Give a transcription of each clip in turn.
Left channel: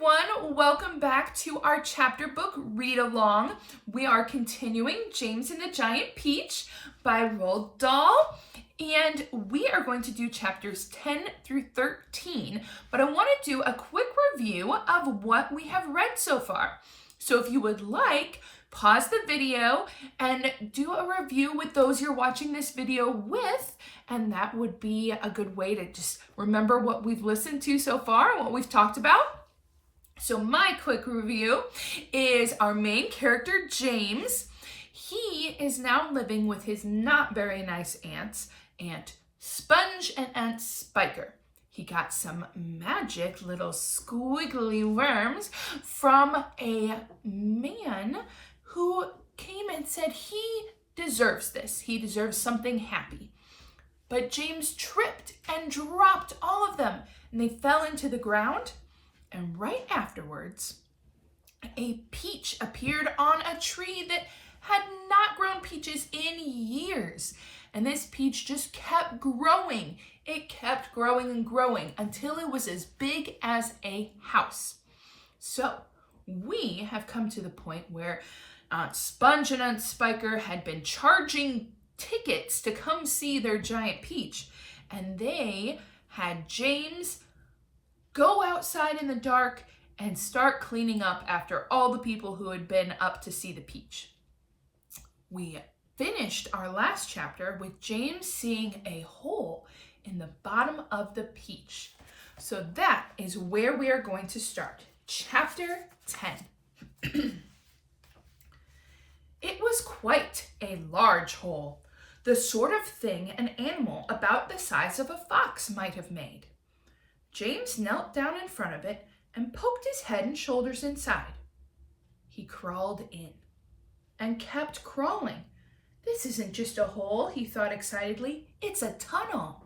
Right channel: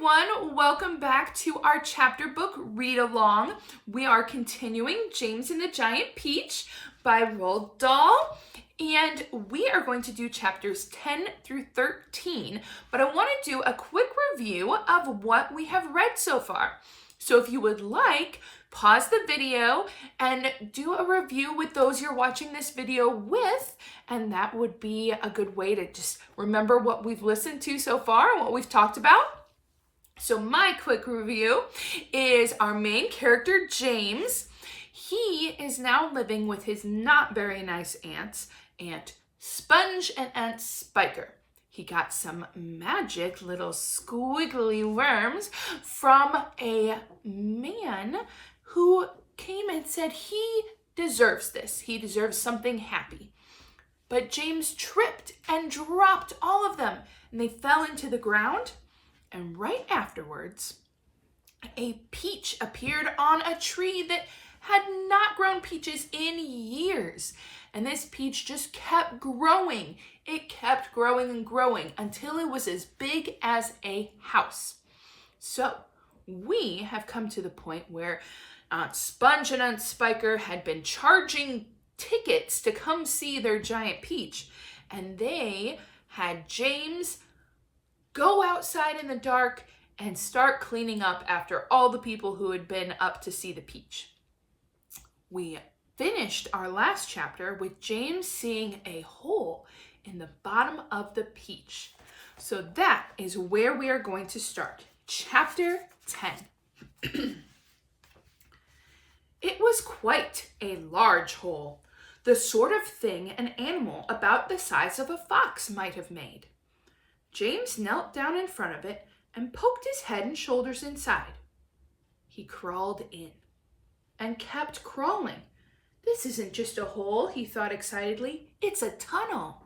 everyone, welcome back to our chapter book read along. We are continuing James and the Giant Peach by Roald Dahl, and we are going to do chapters 10 through 13, but I want to do a quick review of what we have read so far. So if you would like, pause the video and do a review with those you're watching this video with, and that would be a good way to just remember what we've listened to so far and what we've talked about. So my quick review is our main character, James. He is now living with his not very nice aunts, Aunt Sponge and Aunt Spiker. He got some magic little squiggly worms from a man who came and said he deserves this. He deserves something happy. But James tripped and dropped all of them, and they fell into the ground. And right afterwards, a peach appeared on a tree that had not grown peaches in years. And this peach just kept growing. It kept growing and growing until it was as big as a house. So we have come to the point where Aunt Sponge and Aunt Spiker had been charging tickets to come see their giant peach. And they had James go outside in the dark and start cleaning up after all the people who had been up to see the peach. We finished our last chapter with James seeing a hole in the bottom of the peach. So that is where we are going to start. Chapter 10. It was quite a large hole, the sort of thing an animal about the size of a fox might have made. James knelt down in front of it and poked his head and shoulders inside. He crawled in and kept crawling. This isn't just a hole, he thought excitedly. It's a tunnel.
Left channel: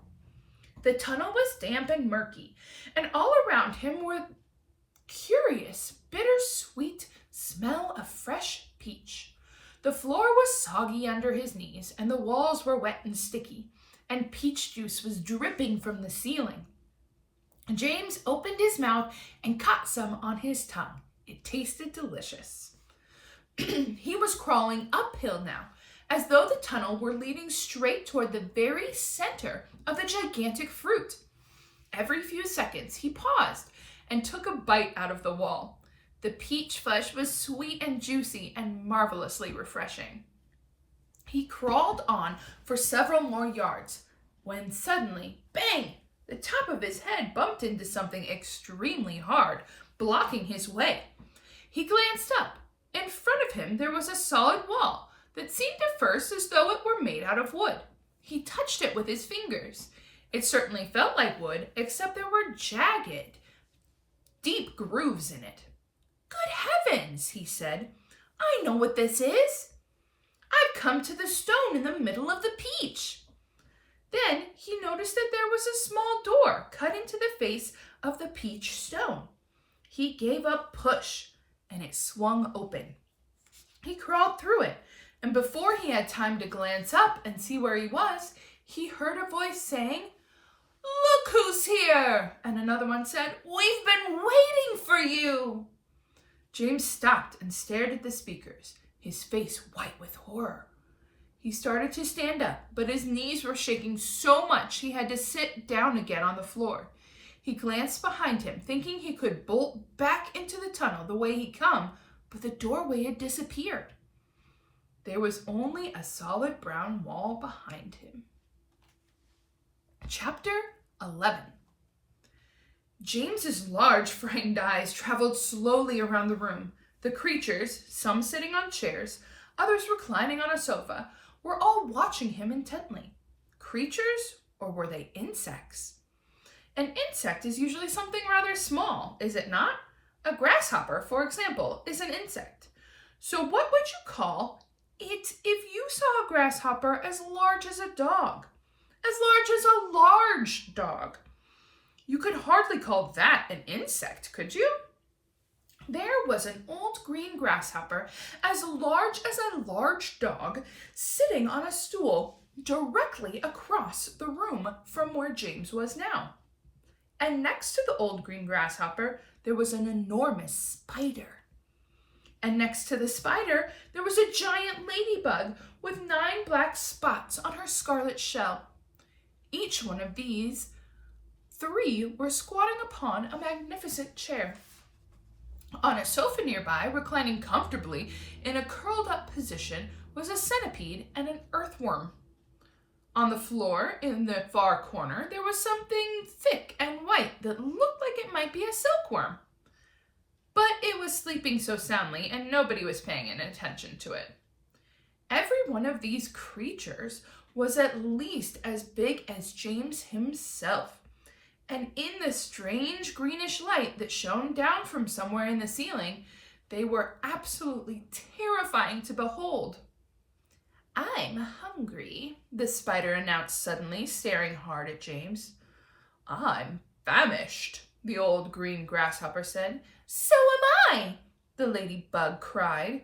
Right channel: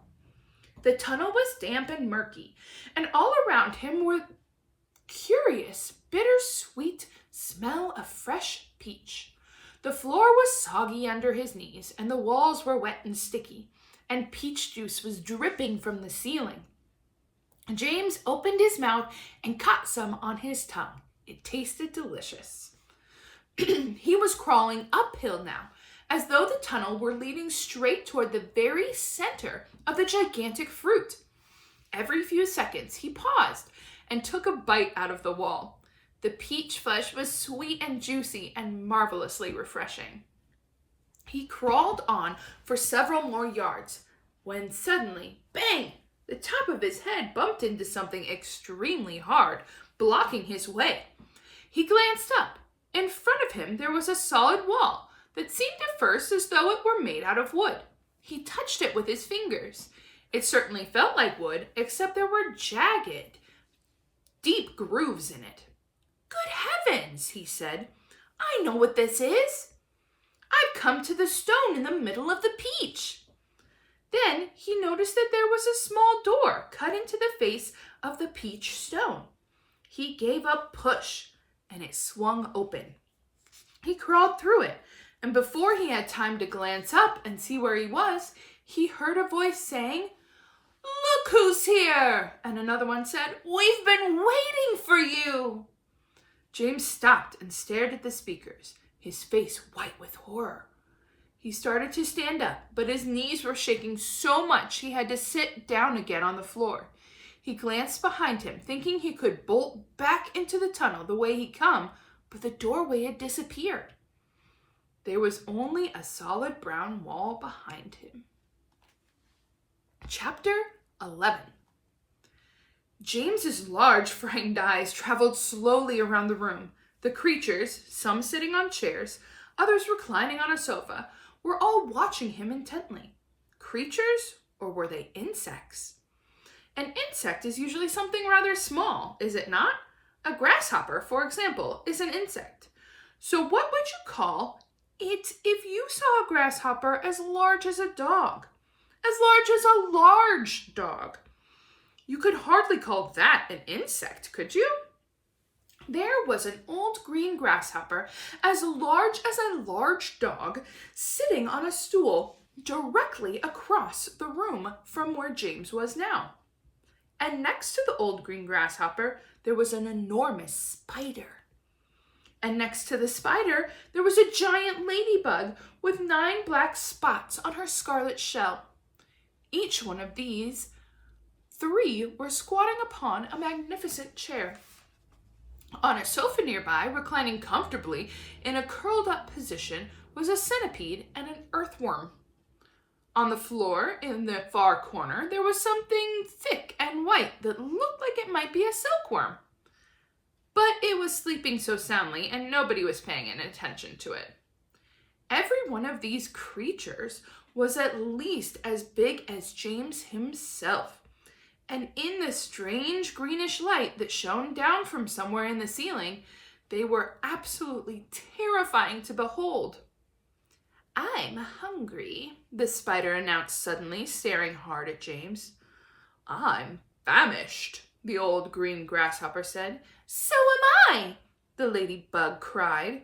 The tunnel was damp and murky, and all around him were curious, bittersweet smell of fresh peach. The floor was soggy under his knees, and the walls were wet and sticky, and peach juice was dripping from the ceiling. James opened his mouth and caught some on his tongue. It tasted delicious. He was crawling uphill now, as though the tunnel were leading straight toward the very center of the gigantic fruit. Every few seconds, he paused and took a bite out of the wall. The peach flesh was sweet and juicy and marvelously refreshing. He crawled on for several more yards when suddenly, bang! The top of his head bumped into something extremely hard, blocking his way. He glanced up. In front of him, there was a solid wall that seemed at first as though it were made out of wood. He touched it with his fingers. It certainly felt like wood, except there were jagged, deep grooves in it. "Good heavens," he said. "I know what this is. I've come to the stone in the middle of the peach." Then he noticed that there was a small door cut into the face of the peach stone. He gave a push, and it swung open. He crawled through it, and before he had time to glance up and see where he was, he heard a voice saying, "Look who's here!" And another one said, "We've been waiting for you!" James stopped and stared at the speakers, his face white with horror. He started to stand up, but his knees were shaking so much he had to sit down again on the floor. He glanced behind him, thinking he could bolt back into the tunnel the way he'd come, but the doorway had disappeared. There was only a solid brown wall behind him. Chapter 11. James's large, frightened eyes traveled slowly around the room. The creatures, some sitting on chairs, others reclining on a sofa, were all watching him intently. Creatures, or were they insects? An insect is usually something rather small, is it not? A grasshopper, for example, is an insect. So what would you call it if you saw a grasshopper as large as a dog? As large as a large dog. You could hardly call that an insect, could you? There was an old green grasshopper as large as a large dog sitting on a stool directly across the room from where James was now. and next to the old green grasshopper, there was an enormous spider. And next to the spider, there was a giant ladybug with 9 black spots on her scarlet shell. Each one of these 3 were squatting upon a magnificent chair. On a sofa nearby, reclining comfortably in a curled-up position, was a centipede and an earthworm. On the floor, in the far corner, there was something thick and white that looked like it might be a silkworm. But it was sleeping so soundly, and nobody was paying any attention to it. Every one of these creatures was at least as big as James himself, and in the strange greenish light that shone down from somewhere in the ceiling, they were absolutely terrifying to behold. "I'm hungry," the spider announced suddenly, staring hard at James. "I'm famished," the old green grasshopper said. "So am I," the ladybug cried.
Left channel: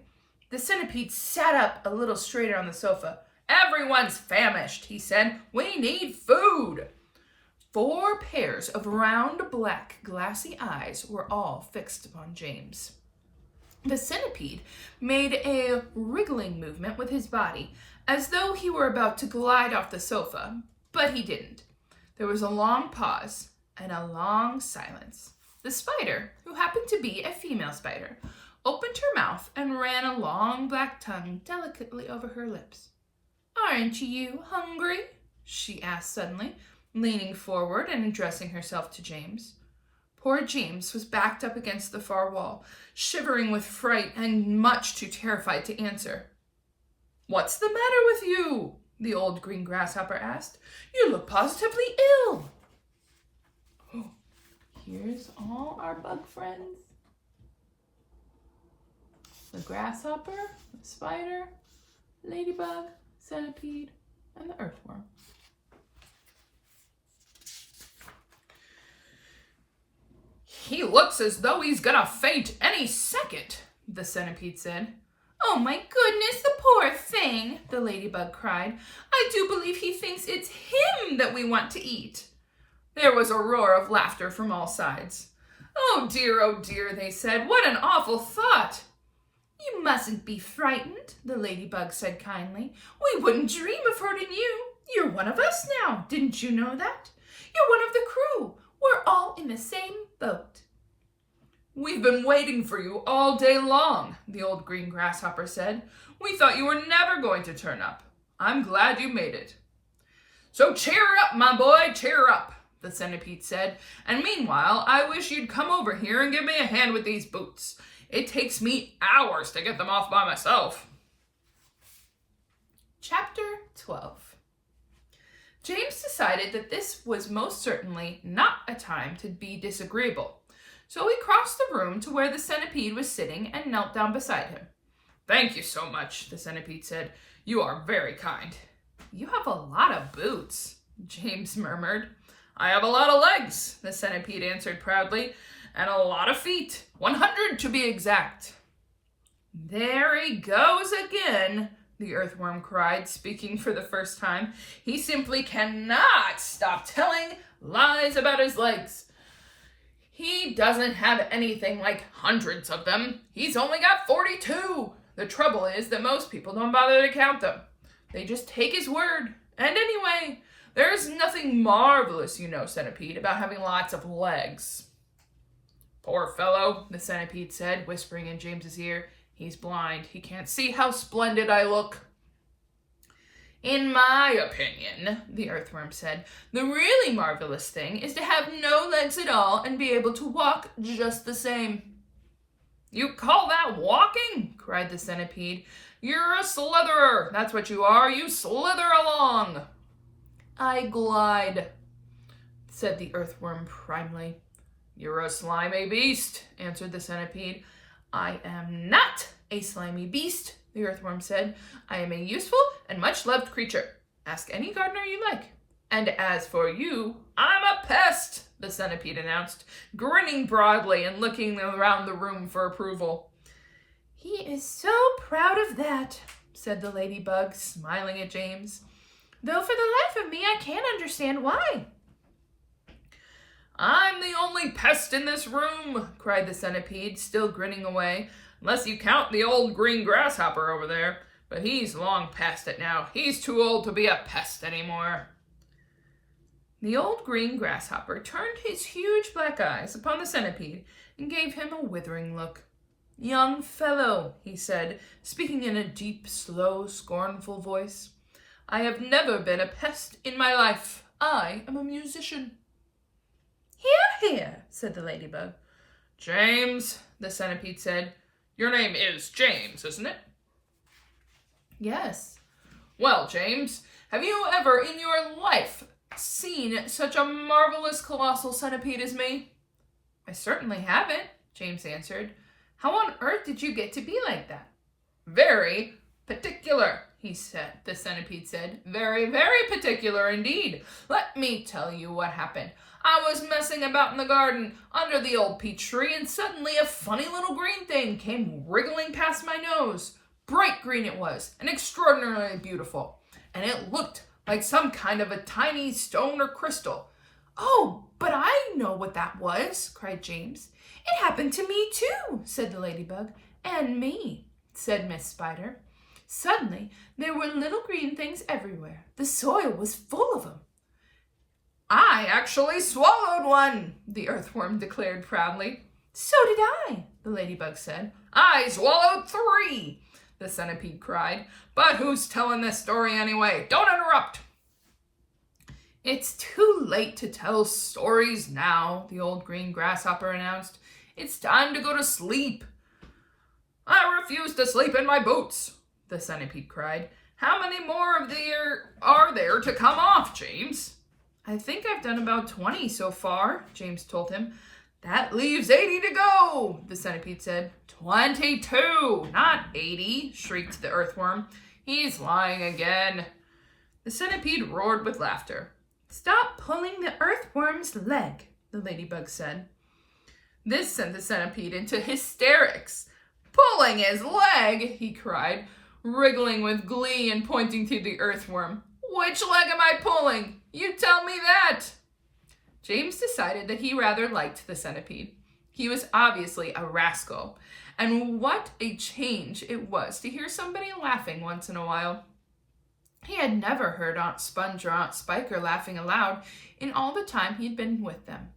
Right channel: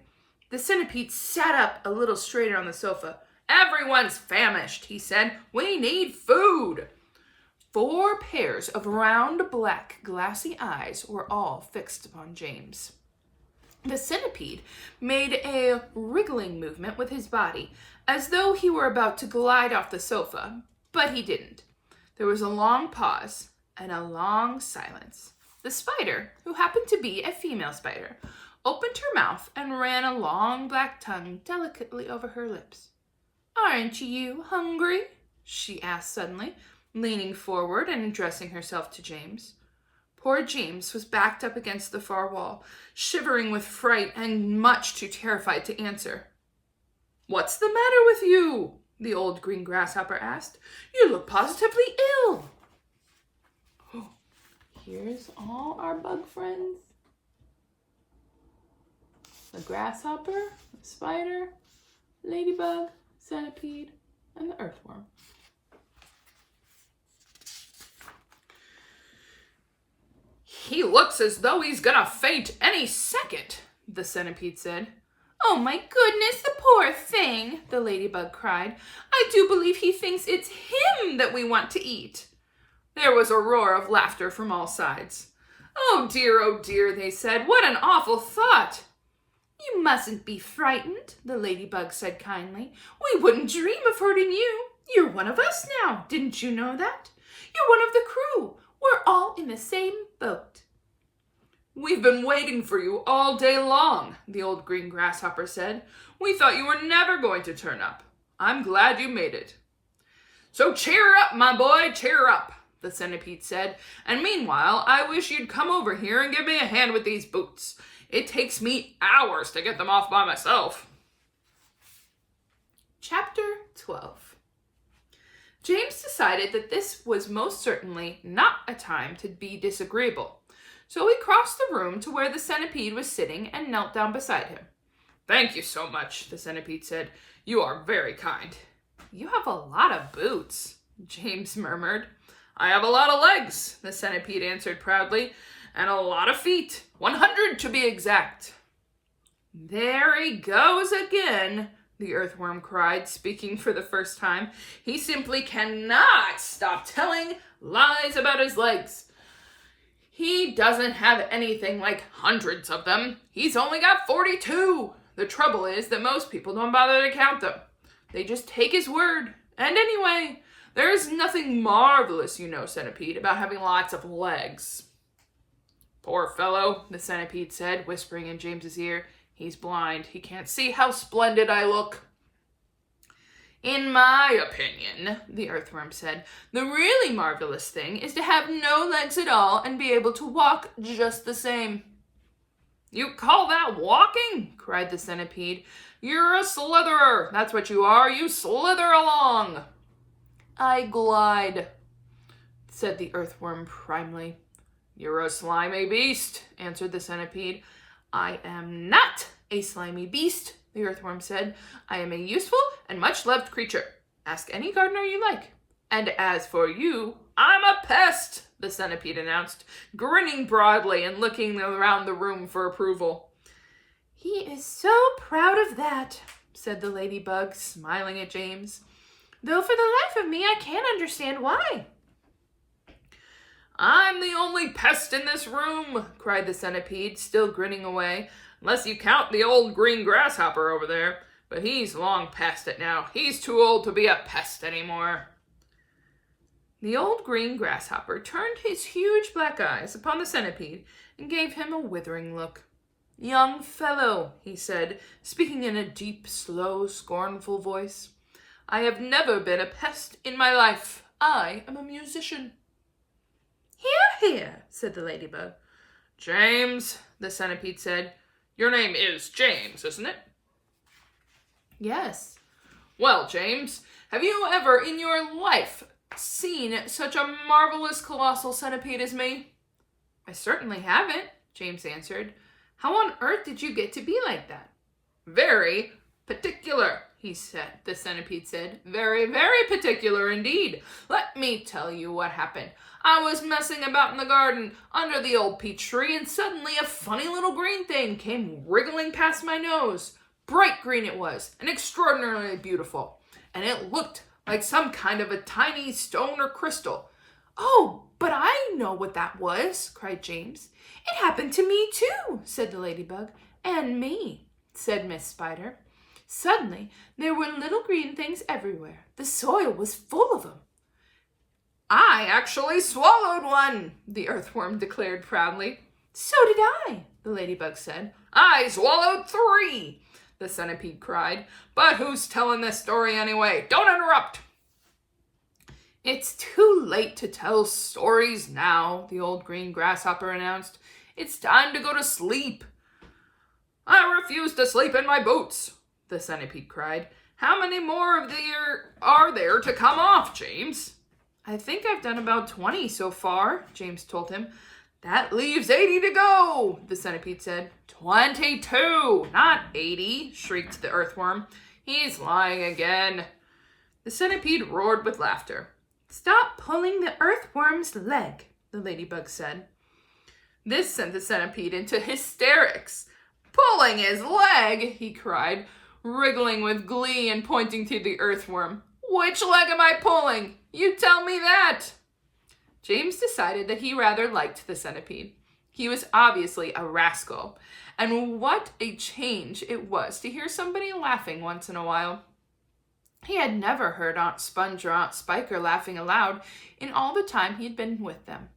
The centipede sat up a little straighter on the sofa. "Everyone's famished," he said. "We need food." 4 pairs of round, black, glassy eyes were all fixed upon James. The centipede made a wriggling movement with his body, as though he were about to glide off the sofa, but he didn't. There was a long pause and a long silence. The spider, who happened to be a female spider, opened her mouth and ran a long black tongue delicately over her lips. "Aren't you hungry?" she asked suddenly, leaning forward and addressing herself to James. Poor James was backed up against the far wall, shivering with fright and much too terrified to answer. "What's the matter with you?" the old green grasshopper asked. "You look positively ill." Oh, here's all our bug friends. The grasshopper, the spider, ladybug, centipede, and the earthworm. "He looks as though he's gonna faint any second," the centipede said. "Oh my goodness, the poor thing," the ladybug cried. "I do believe he thinks it's him that we want to eat." There was a roar of laughter from all sides. Oh dear, they said. "What an awful thought." "You mustn't be frightened," the ladybug said kindly. "We wouldn't dream of hurting you. You're one of us now. Didn't you know that? You're one of the crew. We're all in the same boat." "We've been waiting for you all day long," the old green grasshopper said. "We thought you were never going to turn up. I'm glad you made it." "So cheer up, my boy, cheer up," the centipede said. "And meanwhile, I wish you'd come over here and give me a hand with these boots. It takes me hours to get them off by myself." Chapter 12. James decided that this was most certainly not a time to be disagreeable, so he crossed the room to where the centipede was sitting and knelt down beside him. "Thank you so much," the centipede said. "You are very kind." "You have a lot of boots," James murmured. "I have a lot of legs," the centipede answered proudly, "and a lot of feet, 100 to be exact." "There he goes again," the earthworm cried, speaking for the first time. "He simply cannot stop telling lies about his legs. He doesn't have anything like hundreds of them. He's only got 42. The trouble is that most people don't bother to count them. They just take his word. And anyway, there's nothing marvelous, you know, centipede, about having lots of legs." "Poor fellow," the centipede said, whispering in James's ear. "He's blind. He can't see how splendid I look." "In my opinion," the earthworm said, "the really marvelous thing is to have no legs at all and be able to walk just the same." "You call that walking?" cried the centipede. "You're a slitherer. That's what you are. You slither along." "I glide," said the earthworm primly. "You're a slimy beast," answered the centipede. "I am not a slimy beast," the earthworm said. "I am a useful and much-loved creature. Ask any gardener you like. And as for you, I'm a pest," the centipede announced, grinning broadly and looking around the room for approval. "He is so proud of that," said the ladybug, smiling at James. "Though for the life of me, I can't understand why." I'm the only pest in this room, cried the centipede, still grinning away, unless you count the old green grasshopper over there. But he's long past it now. He's too old to be a pest anymore. The old green grasshopper turned his huge black eyes upon the centipede and gave him a withering look. Young fellow, he said, speaking in a deep, slow, scornful voice, I have never been a pest in my life. I am a musician. Hear, hear, said the ladybug. James, the centipede said. Your name is James, isn't it? Yes. Well, James, have you ever in your life seen such a marvelous colossal centipede as me? I certainly haven't, James answered. How on earth did you get to be like that? Very particular, the centipede said. Very, very particular indeed. Let me tell you what happened. I was messing about in the garden under the old peach tree, and suddenly a funny little green thing came wriggling past my nose. Bright green it was, and extraordinarily beautiful. And it looked like some kind of a tiny stone or crystal. Oh, but I know what that was, cried James. It happened to me too, said the ladybug. And me, said Miss Spider. Suddenly, there were little green things everywhere. The soil was full of them. I actually swallowed one, the earthworm declared proudly. So did I, the ladybug said. I swallowed 3, the centipede cried. But who's telling this story anyway? Don't interrupt. It's too late to tell stories now, the old green grasshopper announced. It's time to go to sleep. I refuse to sleep in my boots, the centipede cried. How many more of there are there to come off, James? I think I've done about 20 so far, James told him. That leaves 80 to go, the centipede said. 22, not 80, shrieked the earthworm. He's lying again. The centipede roared with laughter. Stop pulling the earthworm's leg, the ladybug said. This sent the centipede into hysterics. Pulling his leg, he cried, wriggling with glee and pointing to the earthworm. Which leg am I pulling? You tell me that. James decided that he rather liked the centipede. He was obviously a rascal, and what a change it was to hear somebody laughing once in a while. He had never heard Aunt Sponge or Aunt Spiker laughing aloud in all the time he had been with them.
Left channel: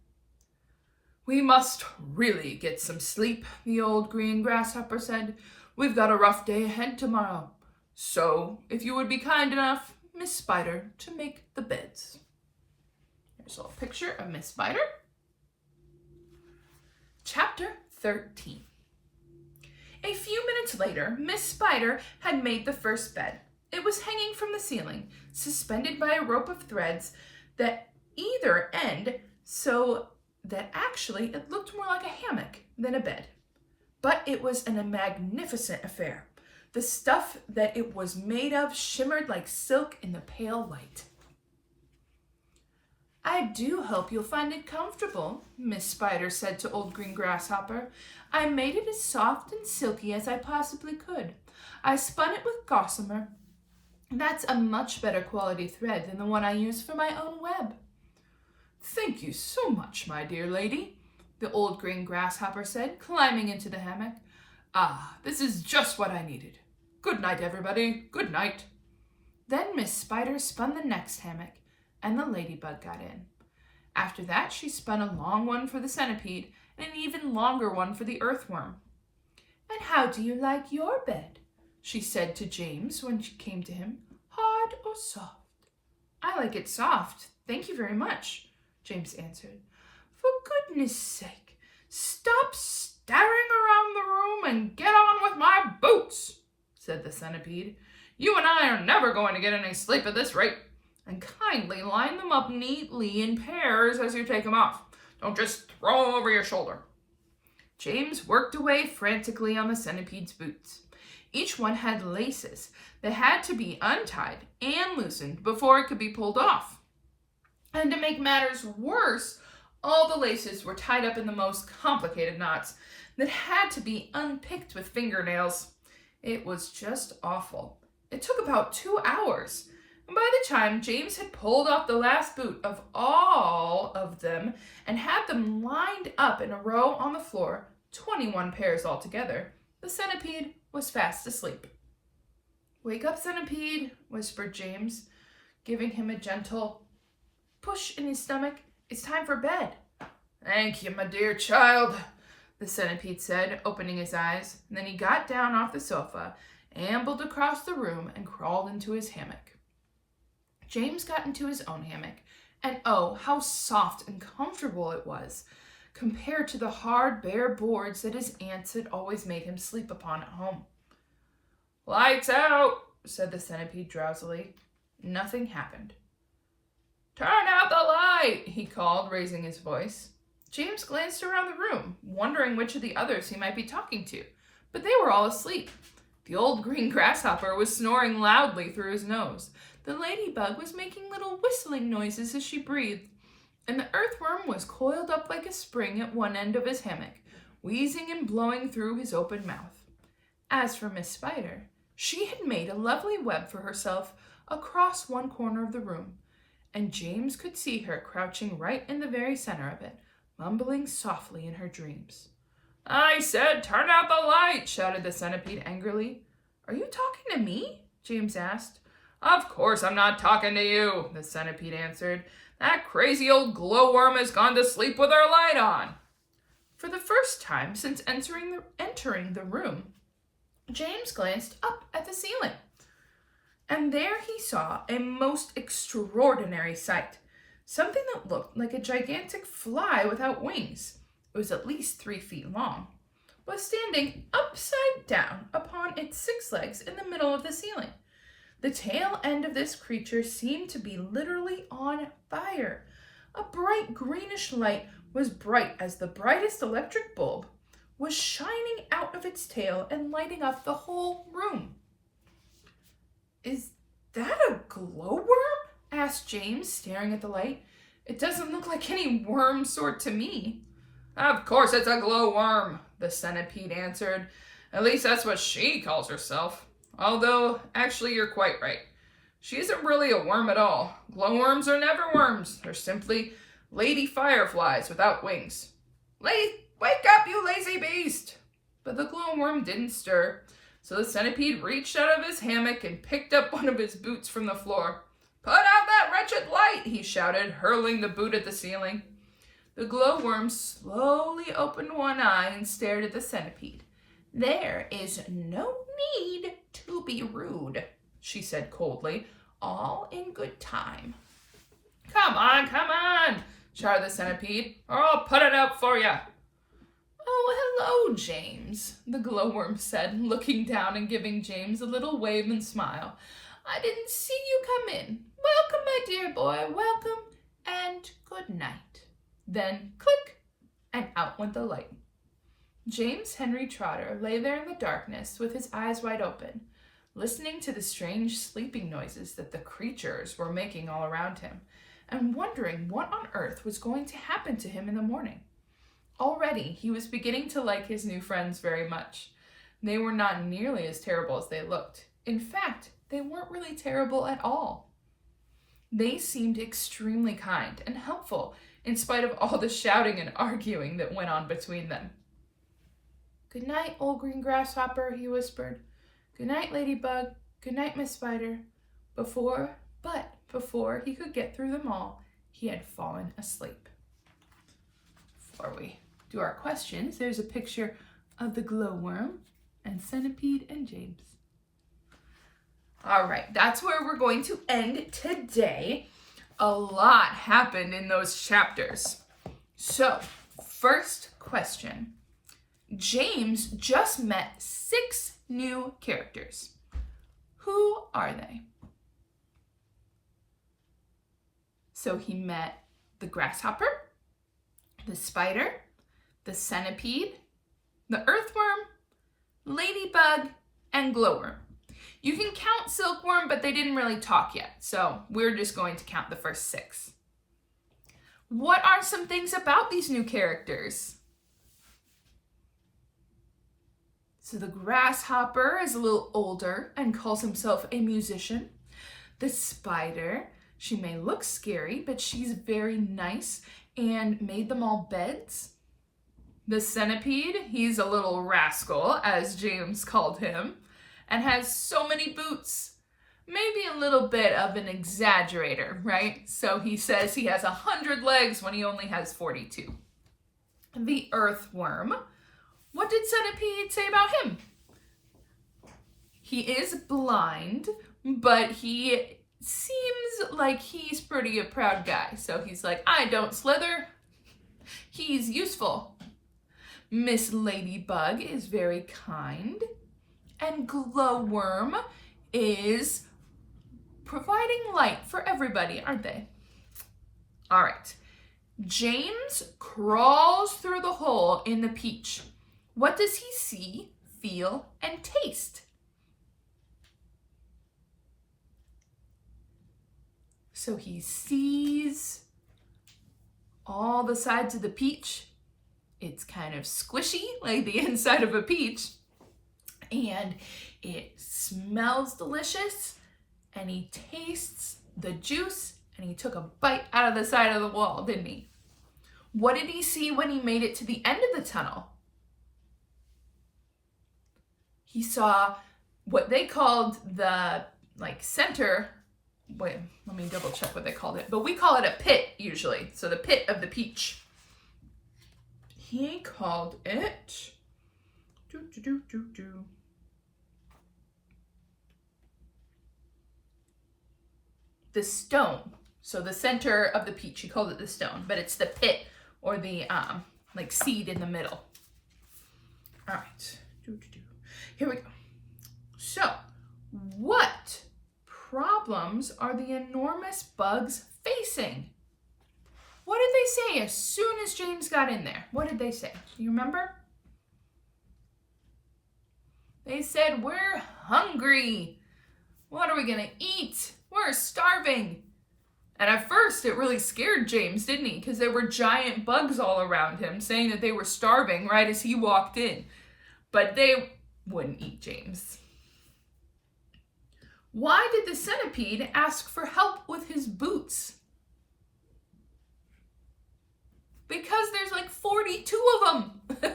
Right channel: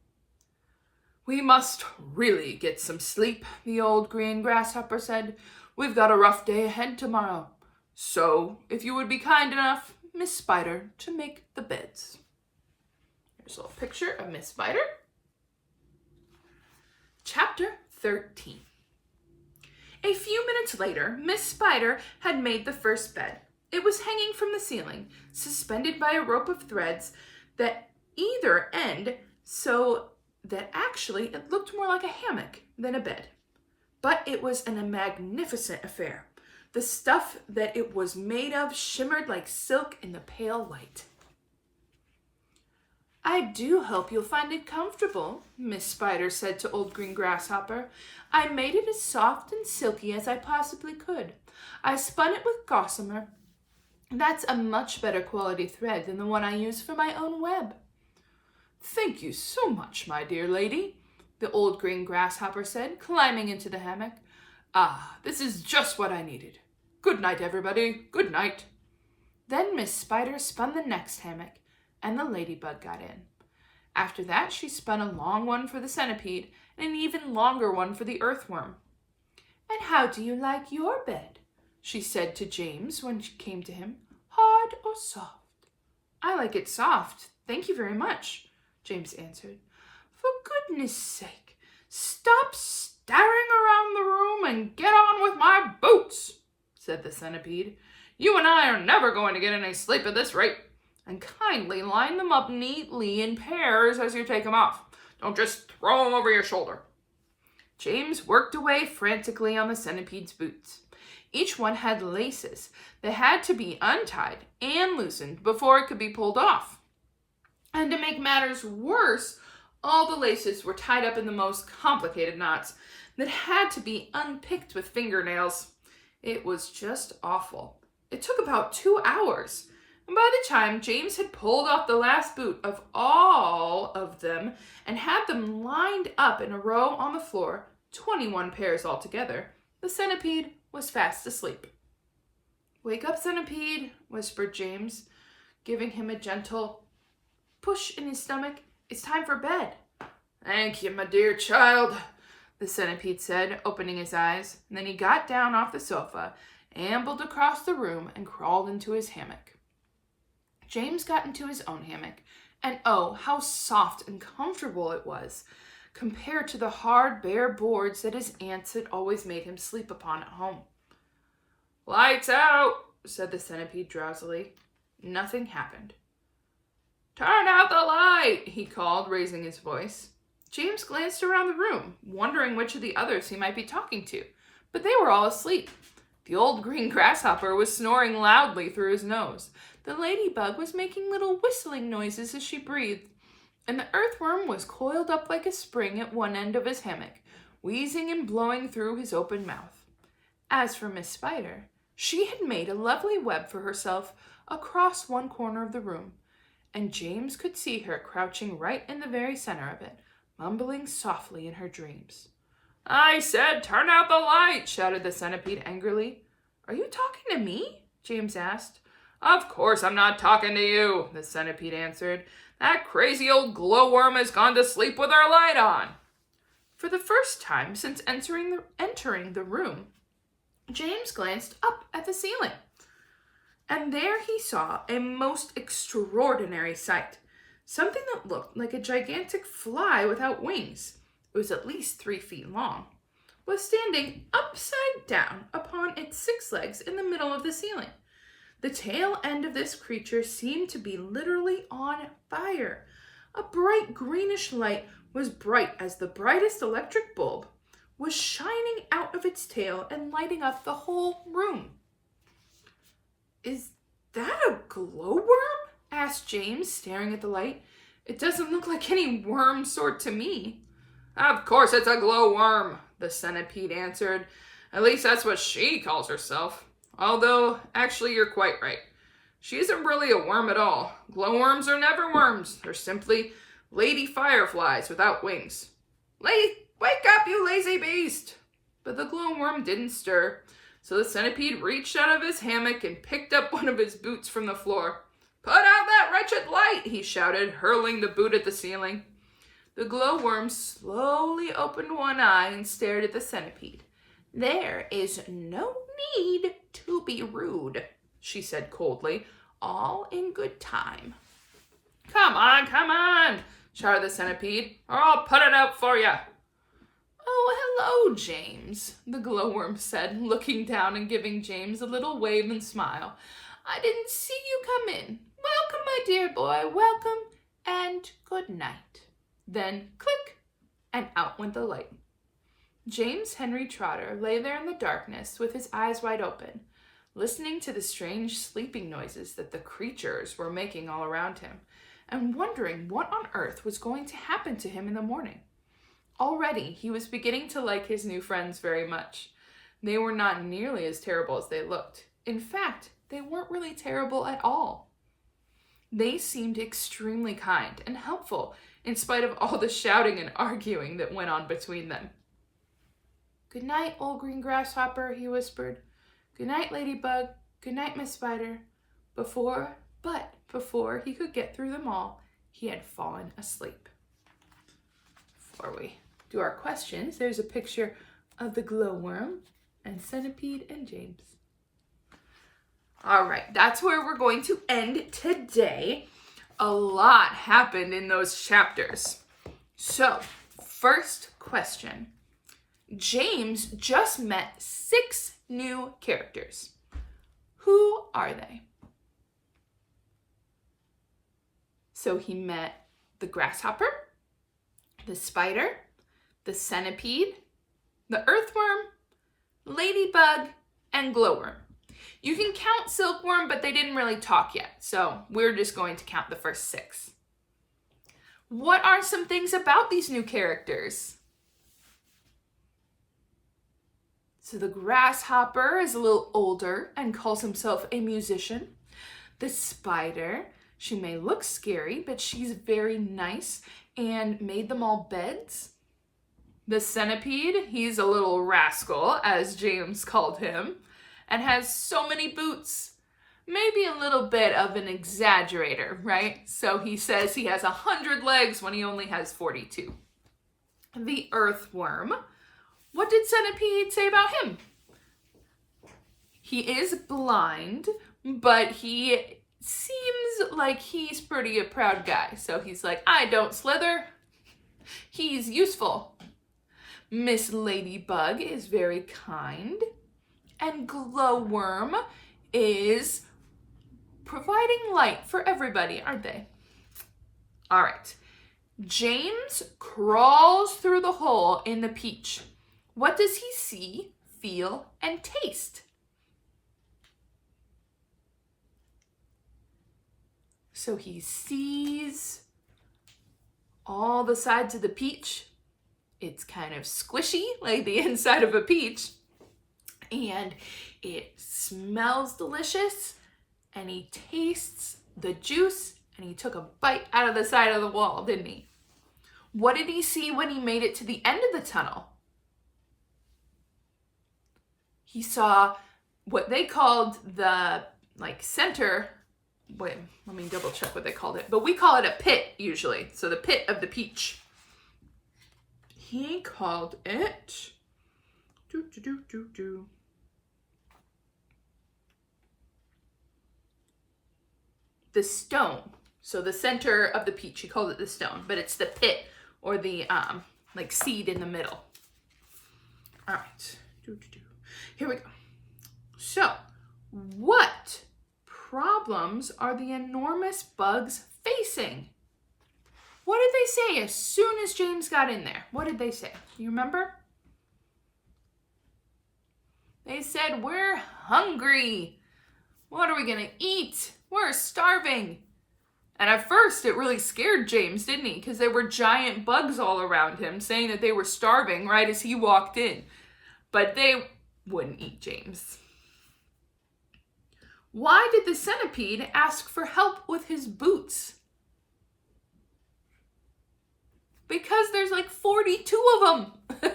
We must really get some sleep, the old green grasshopper said. We've got a rough day ahead tomorrow. So, if you would be kind enough, Miss Spider, to make the beds. Here's a little picture of Miss Spider. Chapter 13. A few minutes later, Miss Spider had made the first bed. It was hanging from the ceiling, suspended by a rope of threads at either end, so that actually it looked more like a hammock than a bed. But it was a magnificent affair. The stuff that it was made of shimmered like silk in the pale light. I do hope you'll find it comfortable, Miss Spider said to Old Green Grasshopper. I made it as soft and silky as I possibly could. I spun it with gossamer. That's a much better quality thread than the one I use for my own web. Thank you so much, my dear lady, the Old Green Grasshopper said, climbing into the hammock. Ah, this is just what I needed. Good night, everybody. Good night. Then Miss Spider spun the next hammock, and the ladybug got in. After that, she spun a long one for the centipede and an even longer one for the earthworm. And how do you like your bed? She said to James when she came to him. Hard or soft? I like it soft, thank you very much, James answered. For goodness sake, stop staring around the room and get on with my boots, said the centipede. You and I are never going to get any sleep at this rate. And kindly line them up neatly in pairs as you take them off. Don't just throw them over your shoulder. James worked away frantically on the centipede's boots. Each one had laces that had to be untied and loosened before it could be pulled off. And to make matters worse, all the laces were tied up in the most complicated knots that had to be unpicked with fingernails. It was just awful. It took about 2 hours, and by the time James had pulled off the last boot of all of them and had them lined up in a row on the floor, 21 pairs altogether, the centipede was fast asleep. "Wake up, centipede," whispered James, giving him a gentle push in his stomach. "It's time for bed." "Thank you, my dear child," the centipede said, opening his eyes. And then he got down off the sofa, ambled across the room, and crawled into his hammock. James got into his own hammock, and oh, how soft and comfortable it was, compared to the hard, bare boards that his aunts had always made him sleep upon at home. "Lights out," said the centipede drowsily. Nothing happened. "Turn out the light," he called, raising his voice. James glanced around the room, wondering which of the others he might be talking to, but they were all asleep. The old green grasshopper was snoring loudly through his nose. The ladybug was making little whistling noises as she breathed, and the earthworm was coiled up like a spring at one end of his hammock, wheezing and blowing through his open mouth. As for Miss Spider, she had made a lovely web for herself across one corner of the room, and James could see her crouching right in the very center of it, mumbling softly in her dreams. "I said turn out the light," shouted the centipede angrily. "Are you talking to me?" James asked. "Of course I'm not talking to you," the centipede answered. "That crazy old glowworm has gone to sleep with her light on." For the first time since entering the room, James glanced up at the ceiling, and there he saw a most extraordinary sight. Something that looked like a gigantic fly without wings, it was at least 3 feet long, was standing upside down upon its 6 legs in the middle of the ceiling. The tail end of this creature seemed to be literally on fire. A bright greenish light, was bright as the brightest electric bulb, was shining out of its tail and lighting up the whole room. "Is that a glowworm?" asked James, staring at the light. "It doesn't look like any worm sort to me." "Of course it's a glowworm," the centipede answered. "At least that's what she calls herself. Although, actually, you're quite right. She isn't really a worm at all. Glowworms are never worms. They're simply lady fireflies without wings. Wake up, you lazy beast!" But the glowworm didn't stir, so the centipede reached out of his hammock and picked up one of his boots from the floor. "Put out that wretched light!" he shouted, hurling the boot at the ceiling. The glowworm slowly opened one eye and stared at the centipede. "There is no need to be rude," she said coldly. "All in good time." Come on, shouted the centipede, "or I'll put it out for you." "Oh, hello, James," the glowworm said, looking down and giving James a little wave and smile. "I didn't see you come in. Welcome, my dear boy, welcome, and good night." Then, click, and out went the light. James Henry Trotter lay there in the darkness with his eyes wide open, listening to the strange sleeping noises that the creatures were making all around him, and wondering what on earth was going to happen to him in the morning. Already, he was beginning to like his new friends very much. They were not nearly as terrible as they looked. In fact, they weren't really terrible at all. They seemed extremely kind and helpful in spite of all the shouting and arguing that went on between them. "Good night, old green grasshopper," he whispered. "Good night, ladybug. Good night, Miss Spider." Before he could get through them all, he had fallen asleep. Before we do our questions, there's a picture of the glowworm and centipede and James. All right, that's where we're going to end today. A lot happened in those chapters. So, first question. James just met 6 new characters. Who are they? So he met the grasshopper, the spider, the centipede, the earthworm, ladybug, and glowworm. You can count silkworm, but they didn't really talk yet, so we're just going to count the first 6. What are some things about these new characters? So the grasshopper is a little older and calls himself a musician. The spider, she may look scary, but she's very nice and made them all beds. The centipede, he's a little rascal, as James called him, and has so many boots. Maybe a little bit of an exaggerator, right? So he says he has 100 legs when he only has 42. The earthworm, what did Centipede say about him? He is blind, but he seems like he's pretty a proud guy. So he's like, I don't slither. He's useful. Miss Ladybug is very kind. And Glowworm is providing light for everybody, aren't they? All right. James crawls through the hole in the peach. What does he see, feel, and taste? So he sees all the sides of the peach. It's kind of squishy, like the inside of a peach. And it smells delicious. And he tastes the juice. And he took a bite out of the side of the wall, didn't he? What did he see when he made it to the end of the tunnel? He saw what they called the center. Wait, let me double check what they called it. But we call it a pit usually. So the pit of the peach. He called it the stone. So the center of the peach, he called it the stone, but it's the pit or the seed in the middle. All right, here we go. So what problems are the enormous bugs facing? What did they say as soon as James got in there? What did they say? Do you remember? They said, we're hungry. What are we gonna eat? We're starving. And at first, it really scared James, didn't he? Because there were giant bugs all around him saying that they were starving right as he walked in. But they wouldn't eat James. Why did the centipede ask for help with his boots? Because there's 42 of them.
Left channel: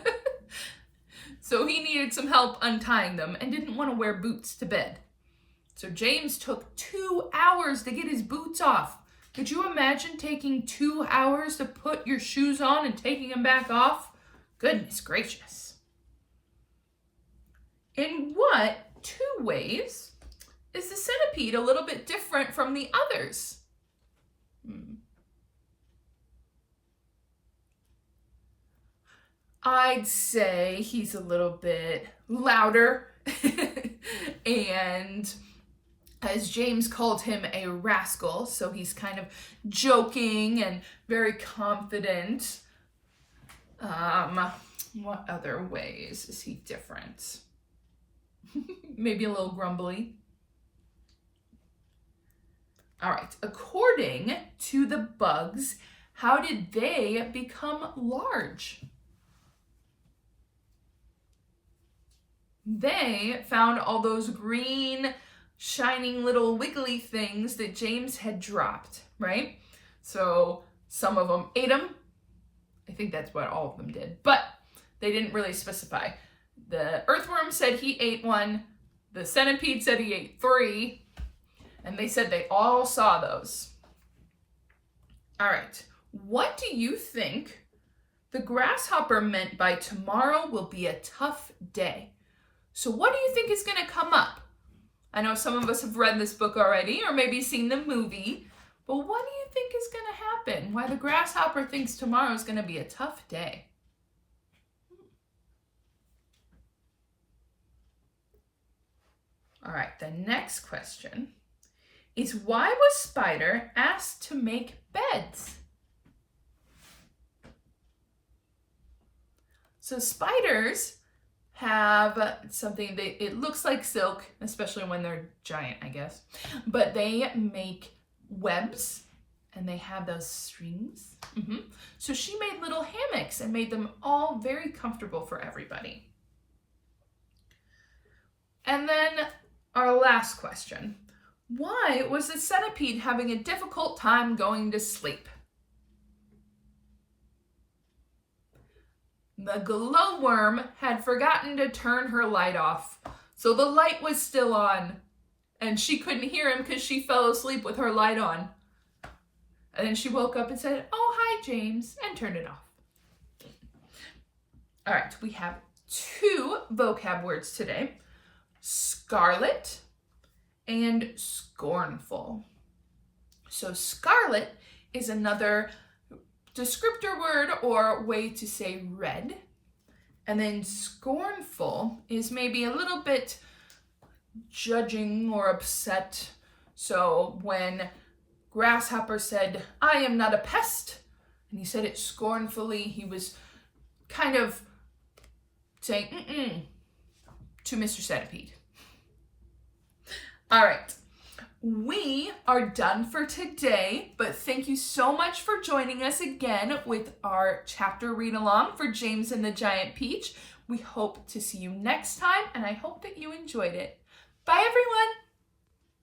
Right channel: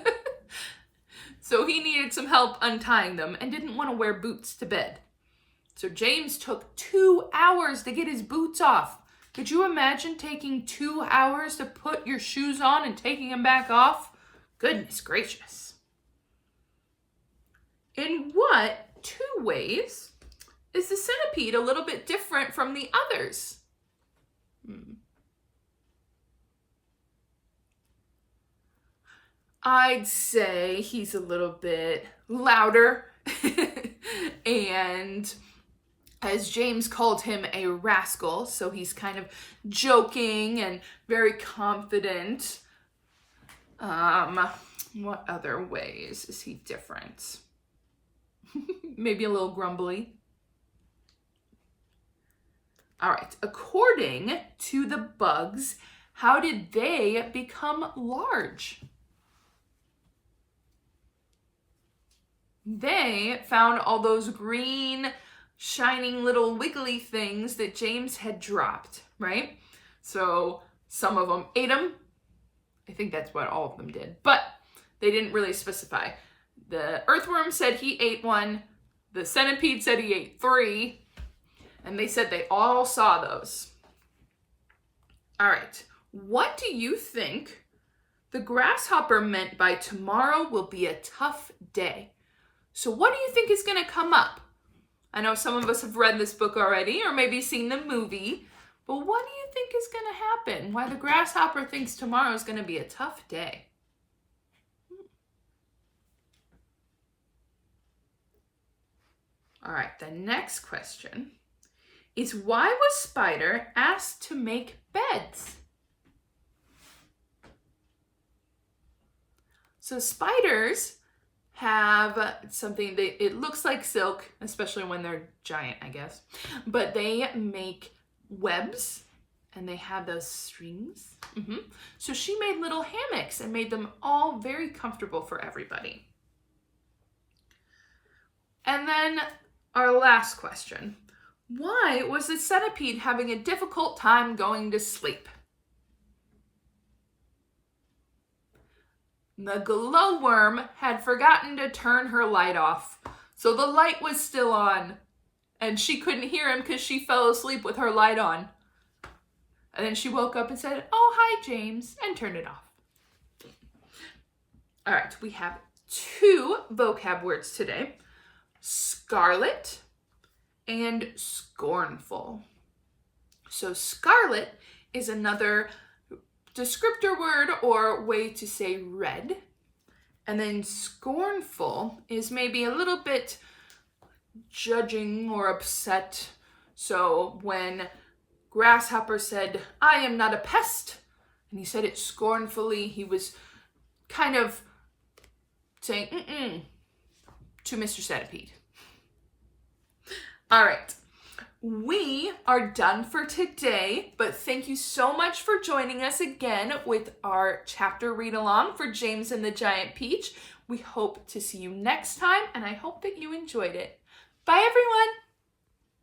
So he needed some help untying them and didn't want to wear boots to bed. So James took 2 hours to get his boots off. Could you imagine taking 2 hours to put your shoes on and taking them back off? Goodness gracious. In what 2 ways is the centipede a little bit different from the others? I'd say he's a little bit louder and as James called him, a rascal, so he's kind of joking and very confident. What other ways is he different? Maybe a little grumbly. All right, according to the bugs, how did they become large? They found all those green, shining little wiggly things that James had dropped, right? So some of them ate them. I think that's what all of them did, but they didn't really specify. The earthworm said he ate 1. The centipede said he ate 3. And they said they all saw those. All right. What do you think the grasshopper meant by tomorrow will be a tough day? So what do you think is going to come up? I know some of us have read this book already or maybe seen the movie, but what do you think is going to happen? Why the grasshopper thinks tomorrow is going to be a tough day? All right, the next question is, why was Spider asked to make beds? So spiders have something, it looks like silk, especially when they're giant, I guess, but they make webs and they have those strings. So she made little hammocks and made them all very comfortable for everybody. And then our last question, Why was the centipede having a difficult time going to sleep? The glowworm had forgotten to turn her light off, so the light was still on, and she couldn't hear him because she fell asleep with her light on. And then she woke up and said, "Oh, hi, James," and turned it off. All right, we have 2 vocab words today: scarlet and scornful. So scarlet is another descriptor word or way to say red. And then scornful is maybe a little bit judging or upset. So when Grasshopper said, "I am not a pest," and he said it scornfully, he was kind of saying to Mr. Centipede. All right, we are done for today, but thank you so much for joining us again with our chapter read along for James and the Giant Peach. We hope to see you next time, and I hope that you enjoyed it. Bye, everyone.